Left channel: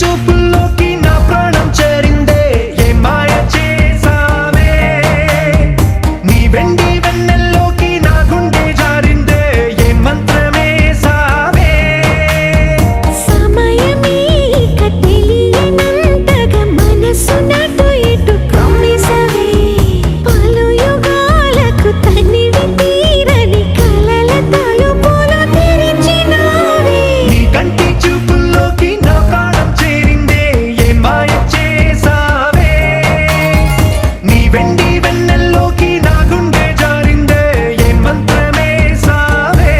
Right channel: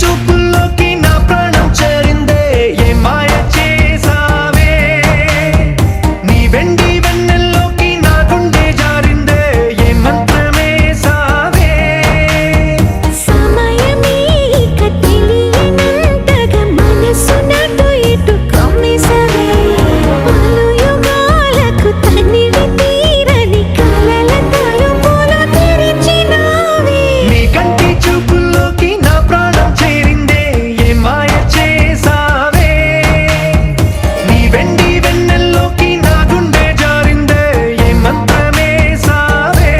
చూపుల్లోకి నా ప్రాణం చేరిందే ఏ మాయ చేసావే నీ వెండి వెన్నెల్లోకి నా గుండె జారిందే ఏ మంత్రమే సావే సమయమే ఇక తెలియనంతగా మనసు నటు ఇటు కమ్మేసవే పలు యుగాలకు తనివి తీరని కలల తలుపులు తెరిచినావే నీ కంటి చూపుల్లోకి నా ప్రాణం చేరిందే ఏ మాయ చేసావే నీ వెండి వెన్నెల్లోకి నా గుండె జారిందే ఏ మంత్రమే సావే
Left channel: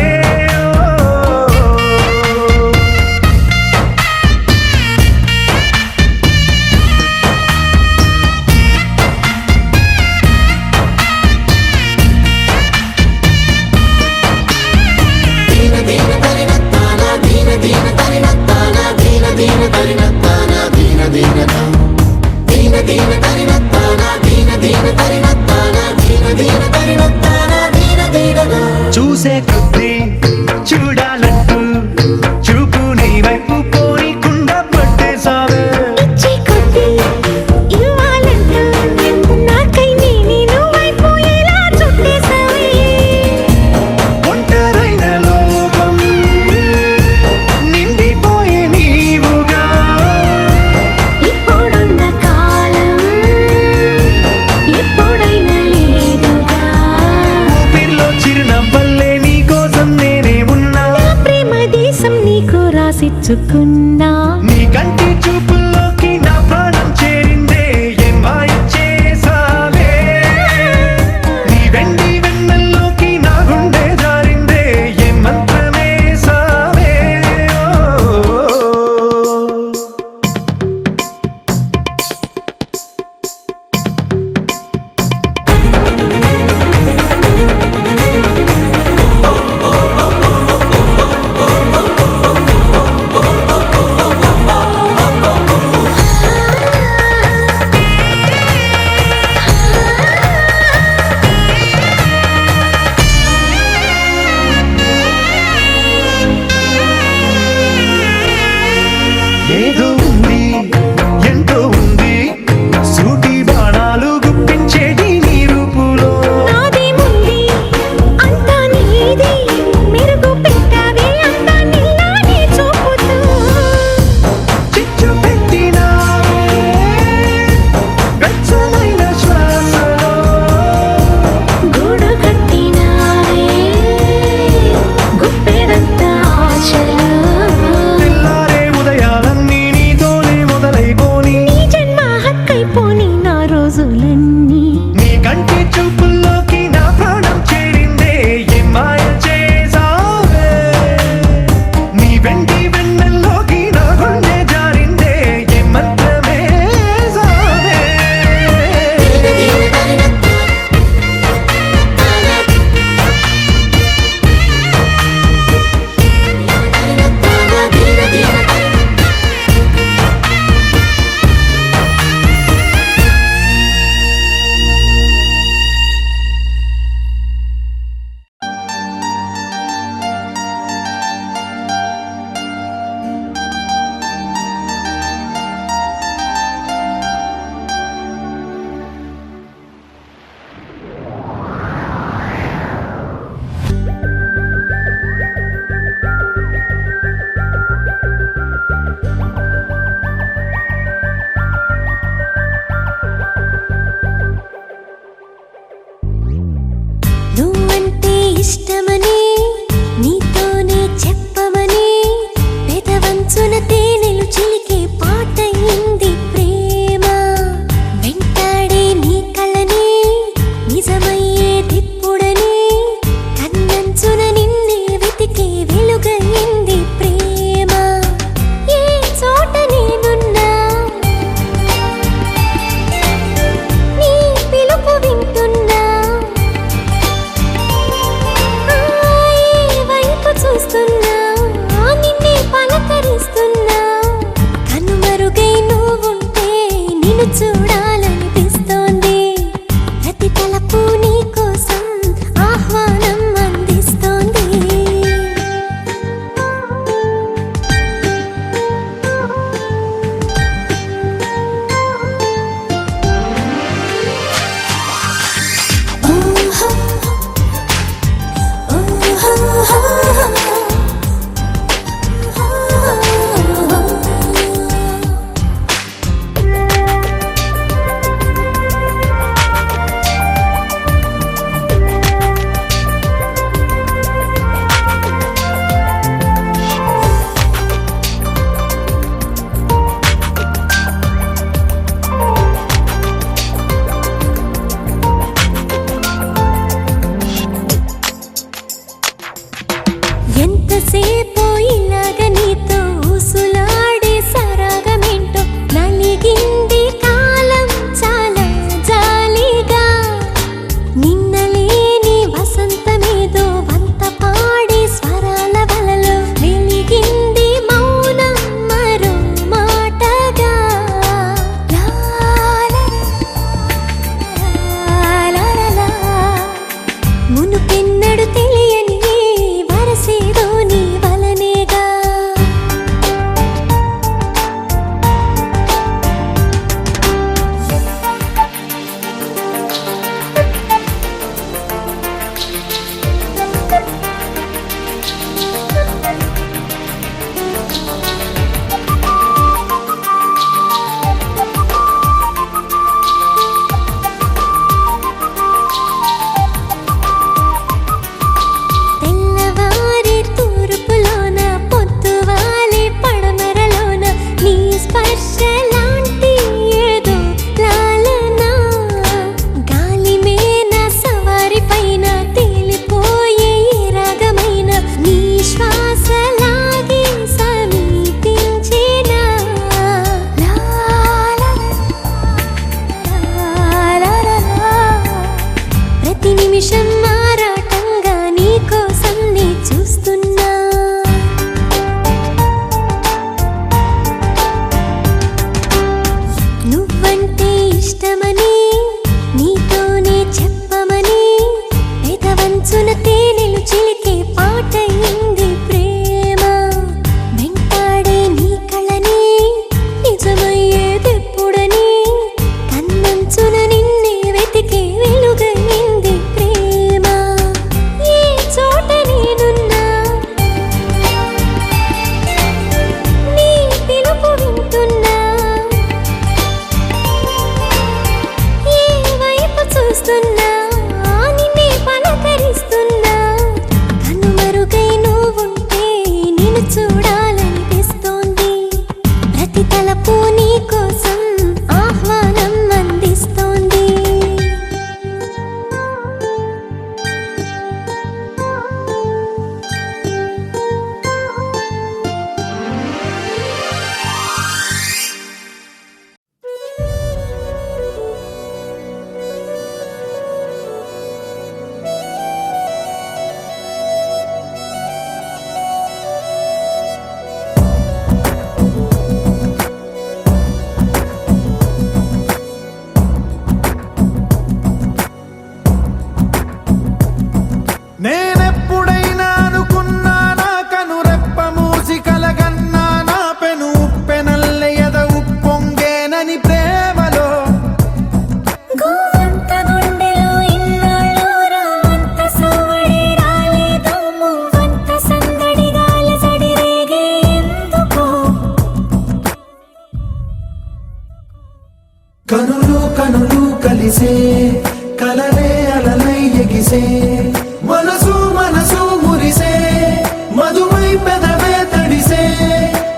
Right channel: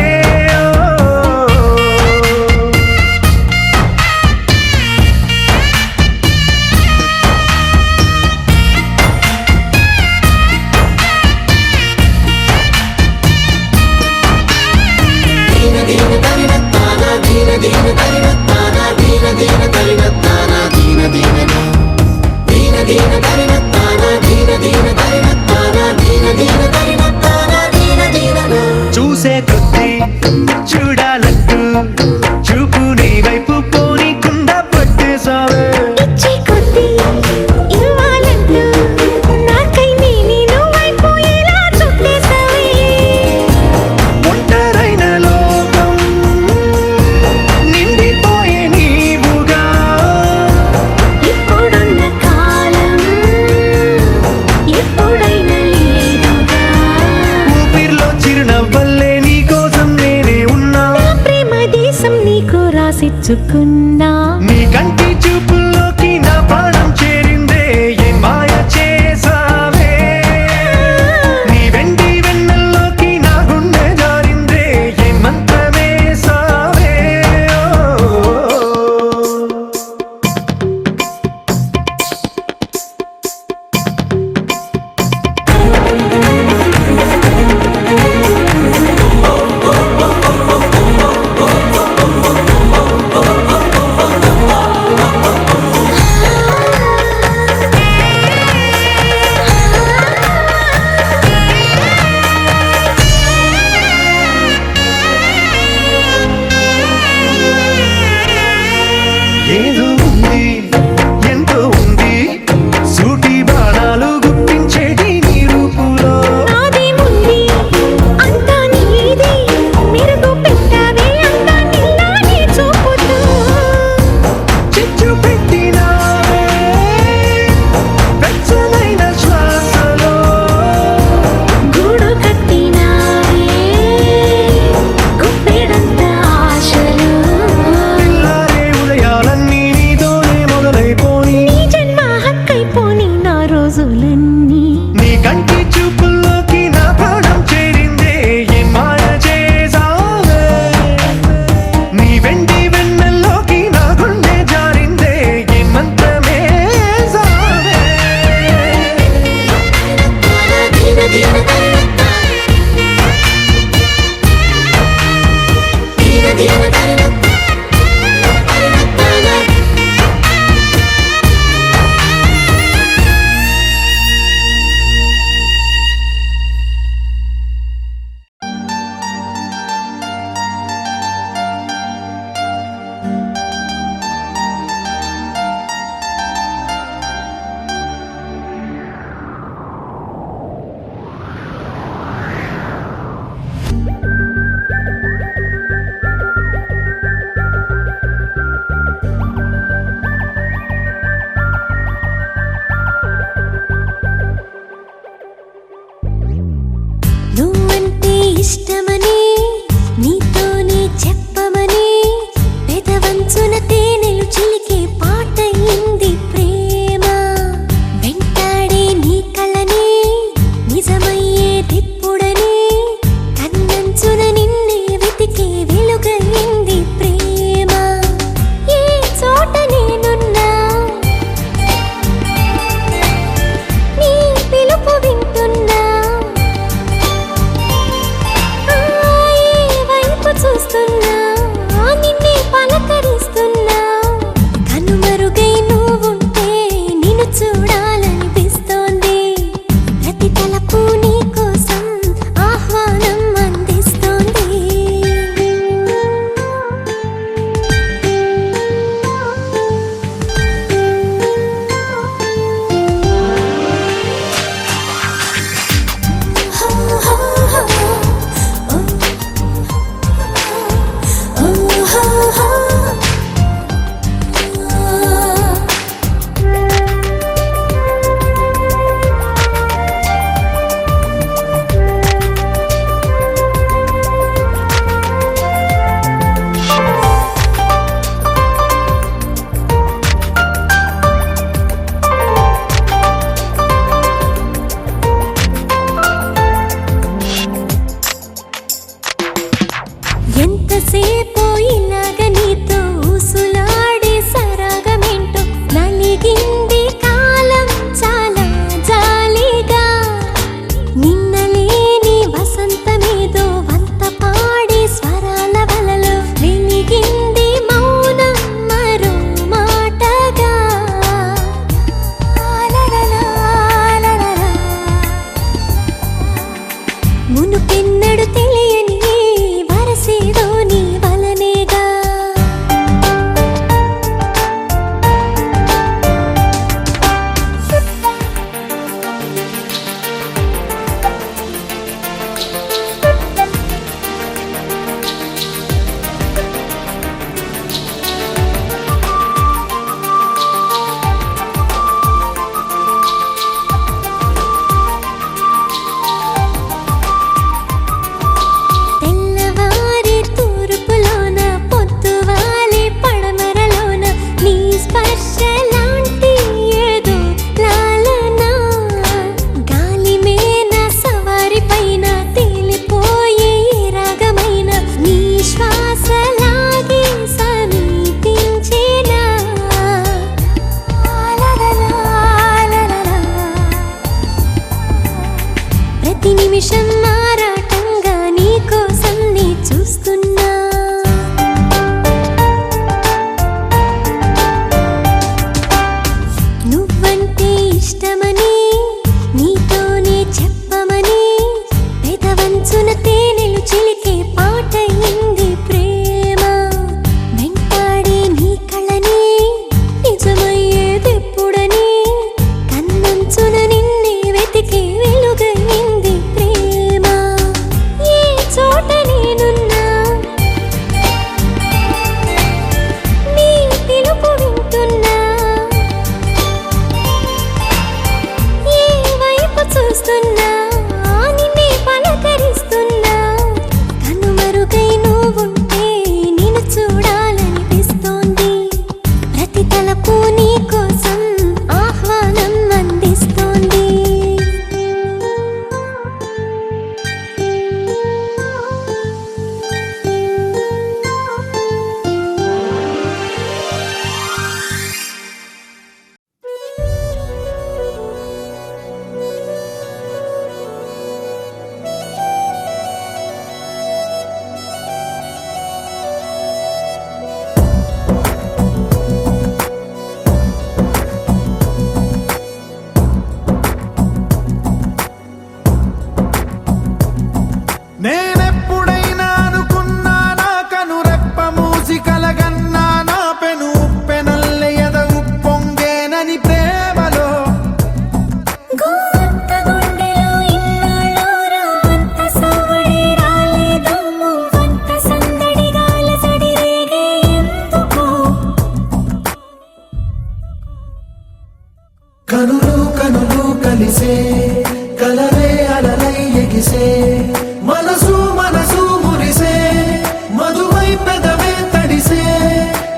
చూసే కొద్దీ చూడాలంటూ చూపు నీ వైపు పోనీకుండా పట్టేసావే ఇచ్చే కొద్దీ ఇవ్వాలంటూ నాకై నేను వైపు ఎలా చుట్టేసావే ఒంటరైన లోకం నిండిపోయే నీవుగా ఇప్పుడున్న కాలం ఎప్పుడైనా లేదుగా ఊపిరిలో చిరునవ్వల్లే నీ కోసం నేనే ఉన్నా నా ప్రేమ దేశం నీకు రాసిచ్చుకున్నా నీ కంటి చూపుల్లోకి నా ప్రాణం చేరిందే ఏ మాయ చేసావే నీ వెండి వెన్నెల్లోకి నా గుండె జారిందే ఏ మంత్రమే సావే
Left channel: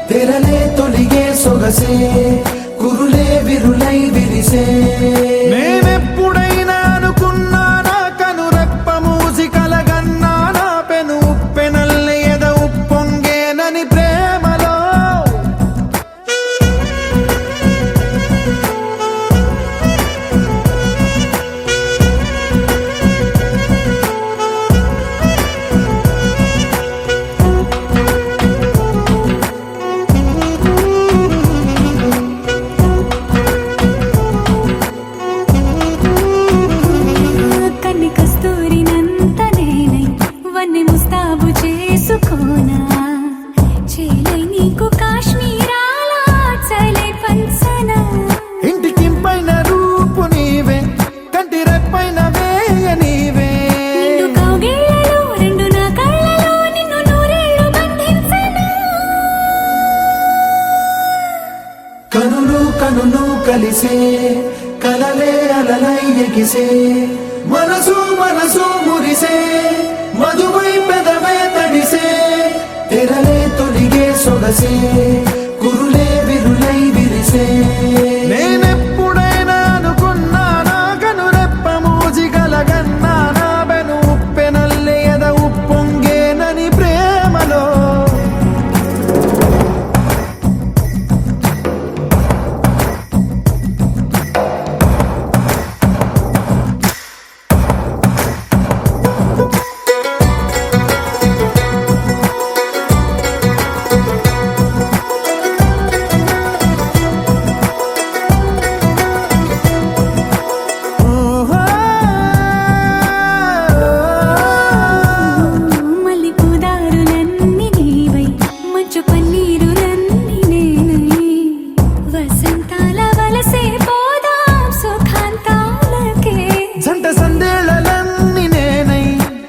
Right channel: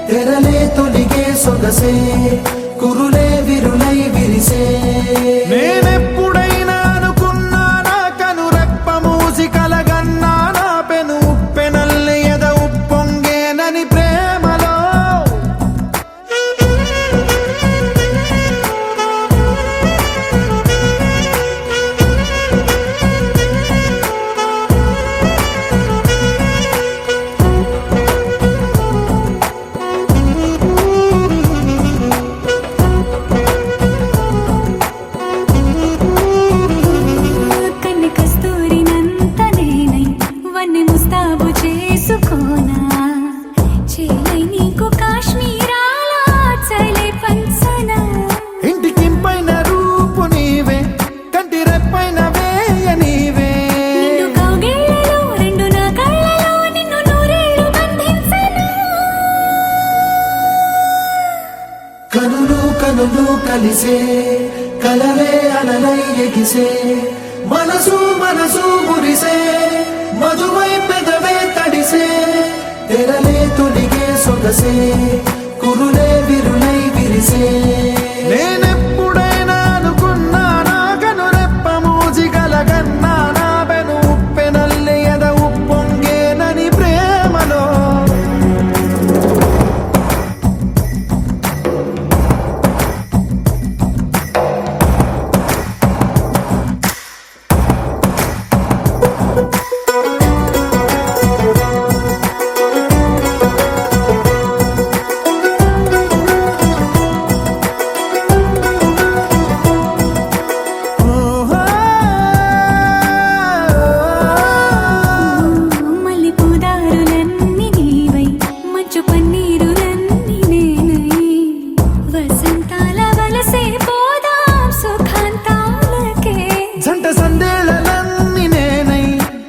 తెరలే తొలిగే సొగసే కురులే విరులై విరిసే నేనెప్పుడైనా అనుకున్నానా కనురెప్ప మూసి కలగన్నానా పెను ఉప్పెనల్లి ఎద ఉప్పొంగేనని ప్రేమలో కన్ని కస్తూరినంత నేనై వన్నె ముస్తాబు చేసుకోనా చేలై నీకు కాశ్మీరాల చలే పంచనా ఇంటికింపైన రూపు నీవే కంటి రెప్పైన వేయ నీవే నిండు కౌగిళ్ళలో రెండు నా కళ్ళలో నిన్ను నూరేళ్ళు బంధించనా కనులు కనులు కలిసే కలలే అలలై ఎగిసే మనసు మనసు మురిసే మధువై పెదవే తడిసే తెరలే తొలిగే సొగసే కురులే విరులై విరిసే నేనెప్పుడైనా అనుకున్నానా కనురెప్ప మూసి కలగన్నానా పెను ఉప్పెనల్లి ఎద ఉప్పొంగేనని ప్రేమలో మల్లి పూదారులన్నీ నీవై మంచు పన్నీరులన్నీ నేనై వసంతాల వలసే పోదాం సుఖాంతాలకే జంట సందేళలన్నీ నేనై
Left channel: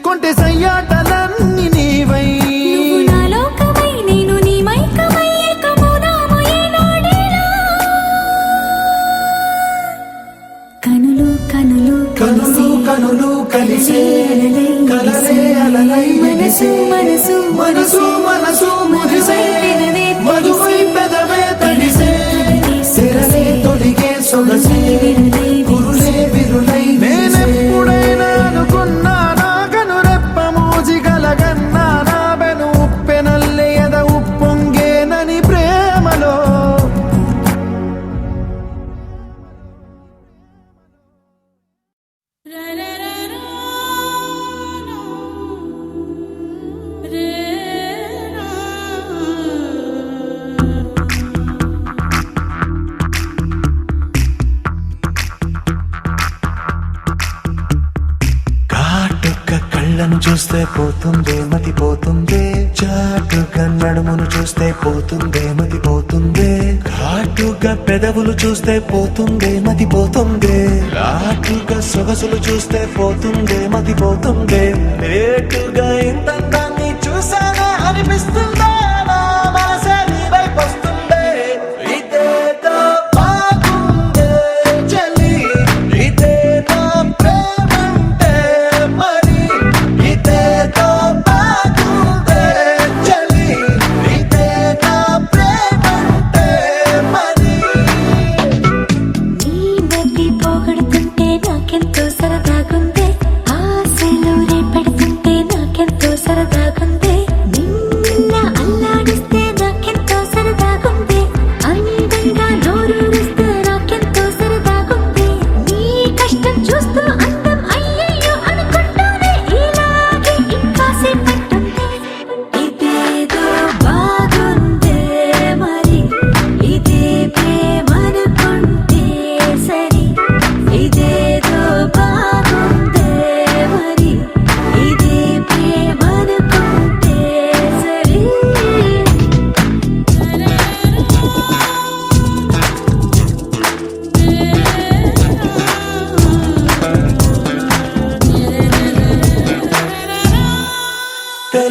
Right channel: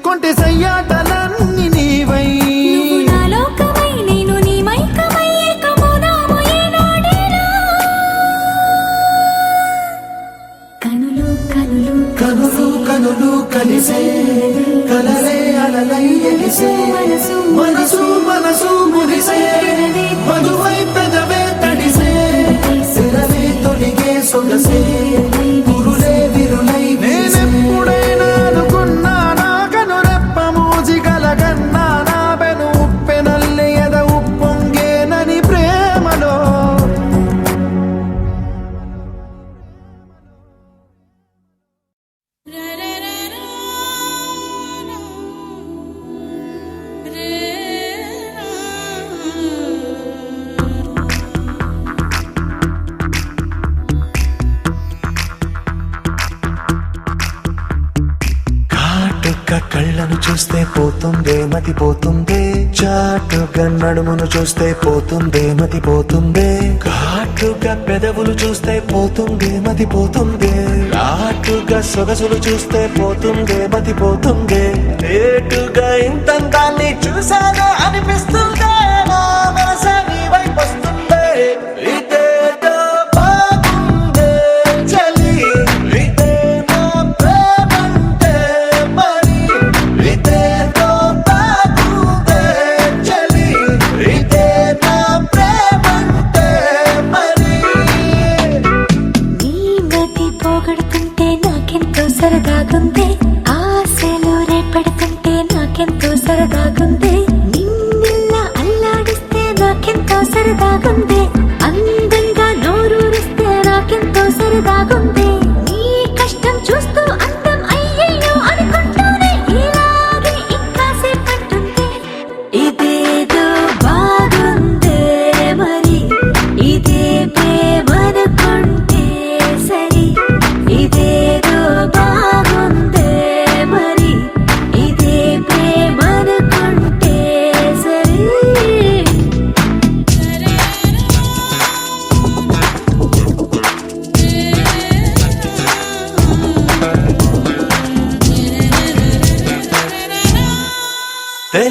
కొంటె సయ్యాటలన్నీ నీవై నువ్వు నా లోకమై నేను నీ మైకమై ఏకమౌదాము ఏనాడైనా కనులు కనులు కనులు కనులు కలిసే కలలే అలలై వెలిసే మనసు మనసు మనసు మురిసే మధువై పెదవే తడిసే తెరలే తొలిగే సొగసే కురులే విరులై నేనెప్పుడైనా అనుకున్నానా కనురెప్ప మూసి కలగన్నానా పెను ఉప్పెనల్లి ఎద ఉప్పొంగేనని ప్రేమలో కాటుక కళ్ళను చూస్తే పోతుందే మతి పోతుందే చాటుగా నడుమును చూస్తే పోతుందే మతి పోతుందే ఘాటుగా పెదవులు చూస్తే పోతుందే మతి పోతుందే రాటుగా సొగసులు చూస్తే పోతుందే మతి పోతుందే లేటుగా ఇంతంతాన్ని చూసానే అనిపిస్తుందే నా మనసే నీ వైపు వస్తుందే ఇదేదో బాగుందే చలి ఇదే నా ప్రేమంటే మరి ఇదేదో బాగుందే చలి ఇదే నా ప్రేమంటే మరి నీ మతి పోగొడుతుంటే నాకెంతో సరదాగుంది ఆశలు రేపెడుతుంటే నాకెంతో సరదాగుంది నిన్న అల్లాడిస్తే నాకెంతో సరదాగుంది అందంగా నోరూరిస్తే నాకెంతో సరదాగుంది నీ కష్టం చూస్తూ అందం అయ్యయ్యో అనుకుంటూనే ఇలాగే ఇంకాసేపట్టుంది ఇదేదో బాగుందే మరి ఇదే ప్రేమనుకుంటే సరి ఇదేదో బాగుందే మరి ఇదే ప్రేమనుకుంటే సరి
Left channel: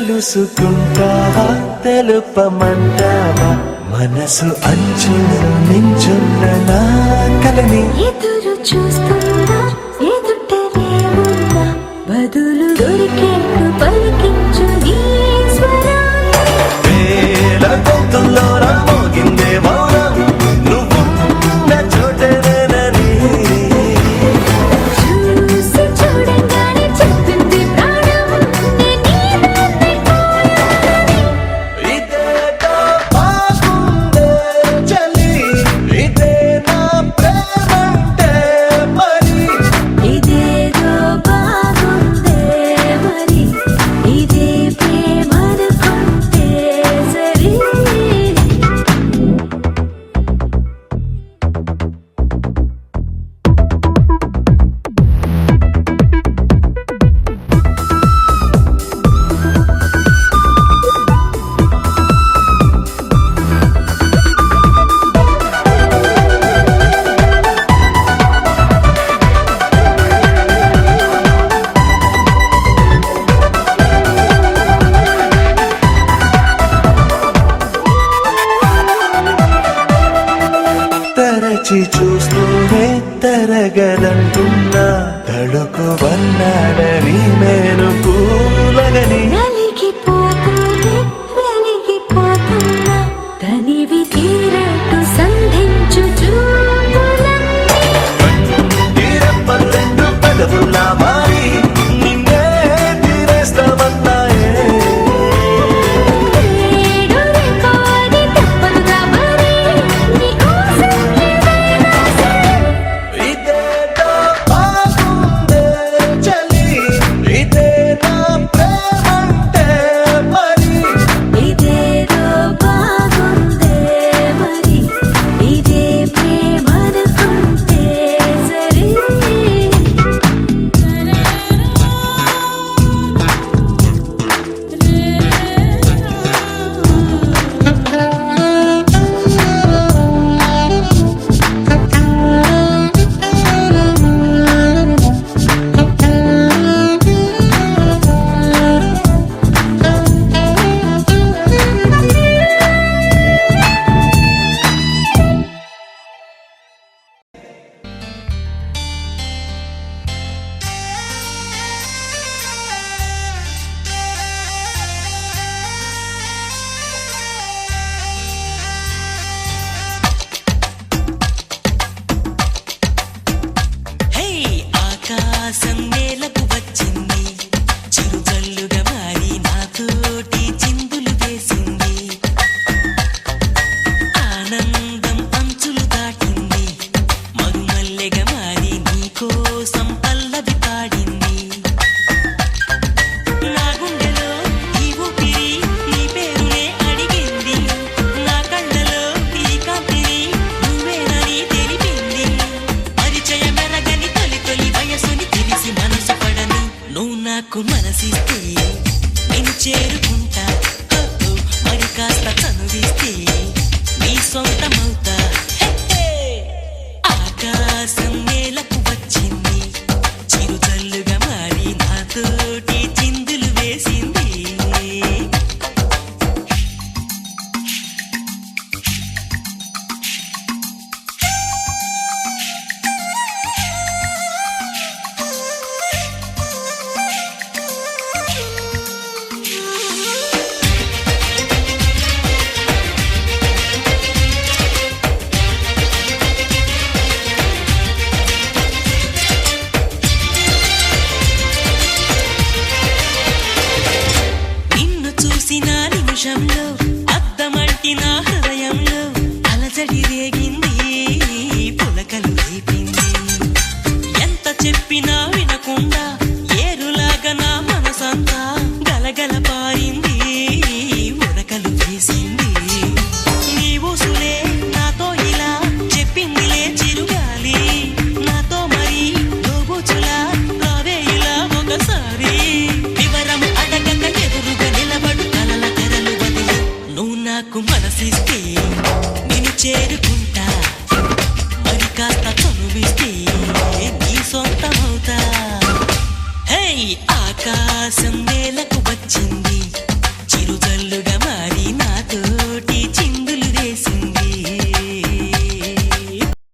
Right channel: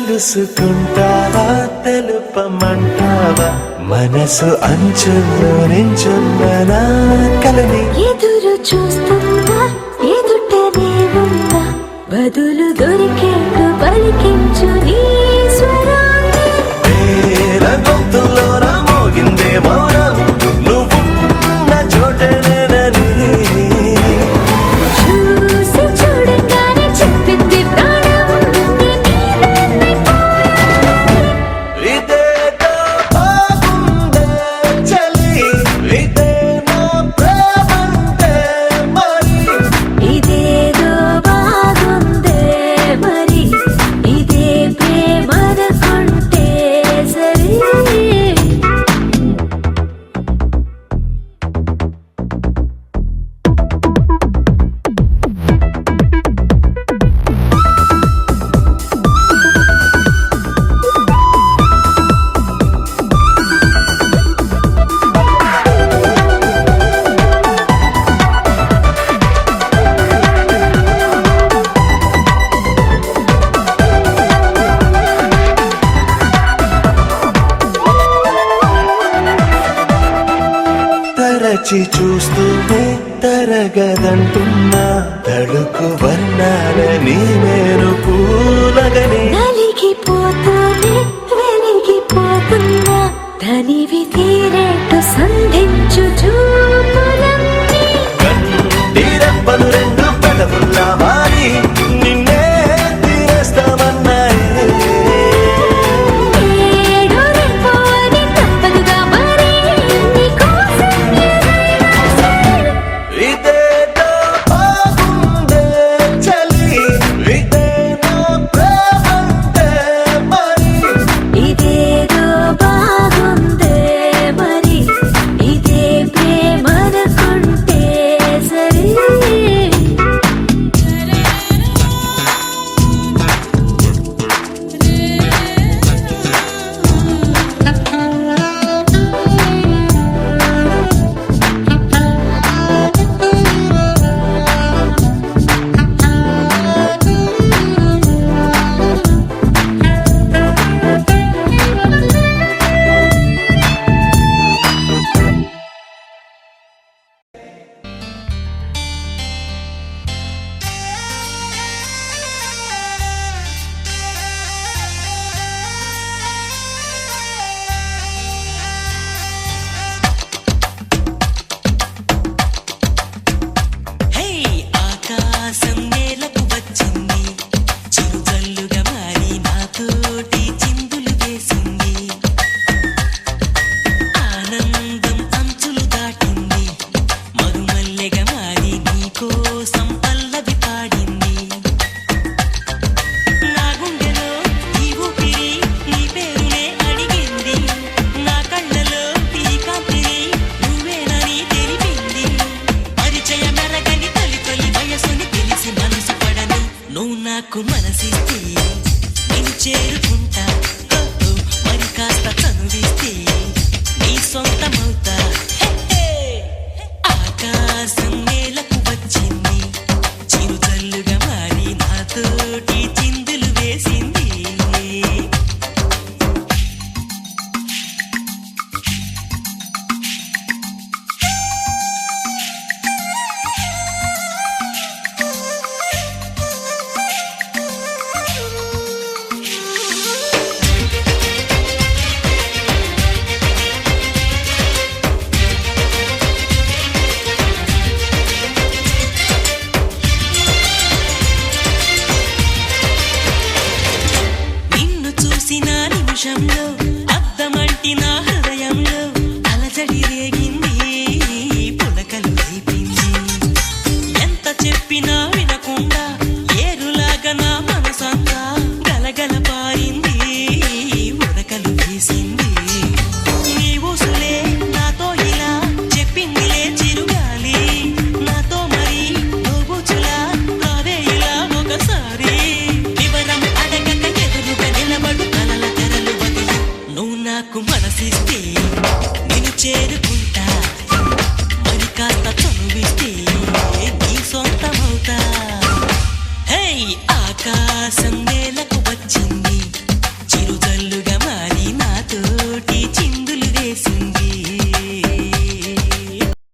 తెలుసుకుంటావా తెలుపమంటావా మనసు అంచుల్లో నించున్న నా కలని ఎదురు చూస్తుందా ఎదుటనే ఉందా బదులు దొరికేట్టు పలికించు నీ స్వరాన్ని వేల గొంతుల్లో నా తరచి చూస్తూనే తరగదంటున్నా తడుకు వర్ణాలని నేను పూలగని నలిగిపోతూనే వెలిగిపోతున్నా తనివి తీరేట్టు సంధించు చూపులన్నీ కంటి రెప్పలు రెండు పెదవుల్లా మారి నిన్నే తీరేస్తామన్నాయే ఏడు రేపాని తప్పదుగా మరి నీకోసం ఏదైనా సరే ఇదేదో బాగుందే చలి ఇదే నా ప్రేమంటే మరి ఇదేదో బాగుందే మరి ఇదే ప్రేమనుకుంటే సరే హే ఆకాశం నేలకు వచ్చింది చిరుజల్లుగా మారి నాతోటి చిందులు వేసింది ఆనందం అంచులు దాటింది మరుమల్లెగా మారి నీకోసం పల్లవి పాడింది నా గుండెలో ఈ ఊపిరి నీ పేరునే అడిగింది నా కళ్ళలో ఈ కాంతిని నువ్వేనని తెలిపింది పరిచయ మెరగని తొలి తొలి వయసుని తెలిసి మనసు పడని నువ్వు నాకు మనసిస్తే నేను చేరుకుంటా హో, హో, మరి కాస్త చనువిస్తే నీ సొంతమవుతా హే, హే. ఆకాశం నేలకు వచ్చింది చిరుజల్లుగా మారి నాతోటి చిందులు వేసింది నిన్ను చూసిన నిమిషంలో అద్దమంటి నా హృదయంలో అలజడి రేగింది పులకలు రేపింది ఎంత చెప్పినా వినకుండా ఏరులాగా నా మనసంతా గలగల పారింది ఉరకలు వేసింది నీ ఊసులే నాతో ఇలా చెప్పిందిలే చిరుగాలి నాతో మరి దోబుచులా రావే ఇలా ఒకసారి వివరం అడగక ఎదురుగా నిలబడు కలల తెరలు వదిలి నువ్వు నాకు మనసిస్తే నేను చేరుకుంటా మరి కాస్త చనువిస్తే నీ సొంతమవుతా హే ఆకాశం నేలకు వచ్చింది